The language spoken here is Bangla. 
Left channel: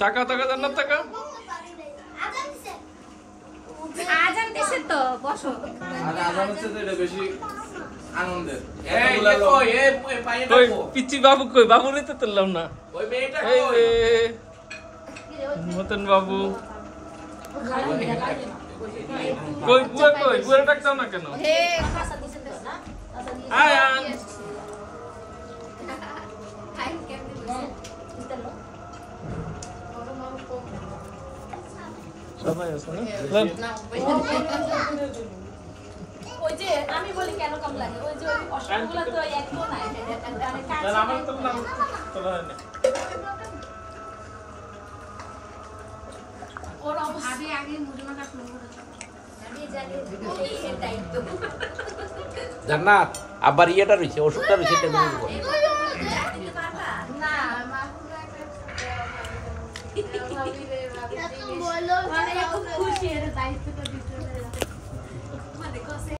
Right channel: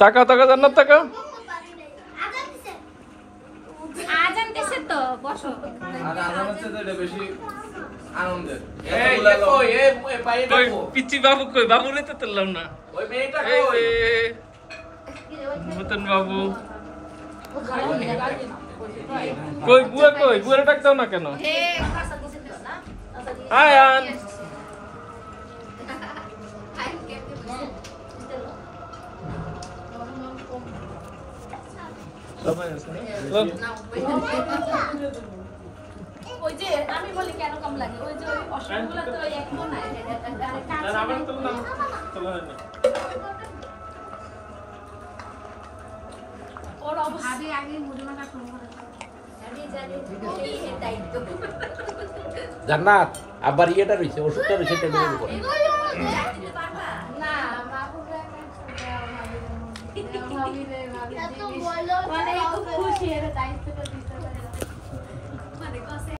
টাকা টাকা জান্নাত টাকা আজান দিছে তো বসো আর আজান হচ্ছে তো এটা বেশি আনন্দের। কই পিচি বাবু কই বাবু নিতে তুললাম না ওই মেয়েটা কই মতন বাবু কই বুয়া কই বুয়ার ডাক দাও না কেন হে আয়ান সবাই আছে না ওই যে আমি বলি কেন কম লাগে ওই যে ওই অষ্টগুলো তো একই না আমার তো না চলো না ওর অবস্থা আগে মুড়ি মাখা শুরু করেছে আমি জানি এই দায়িত্ব জান্নাত আবার ইয়েটা রইছে ওষুধটা রইছে এটা দিয়ে দিব। না বাবুকে একটা খুশি এর দায়িত্বটা দিতে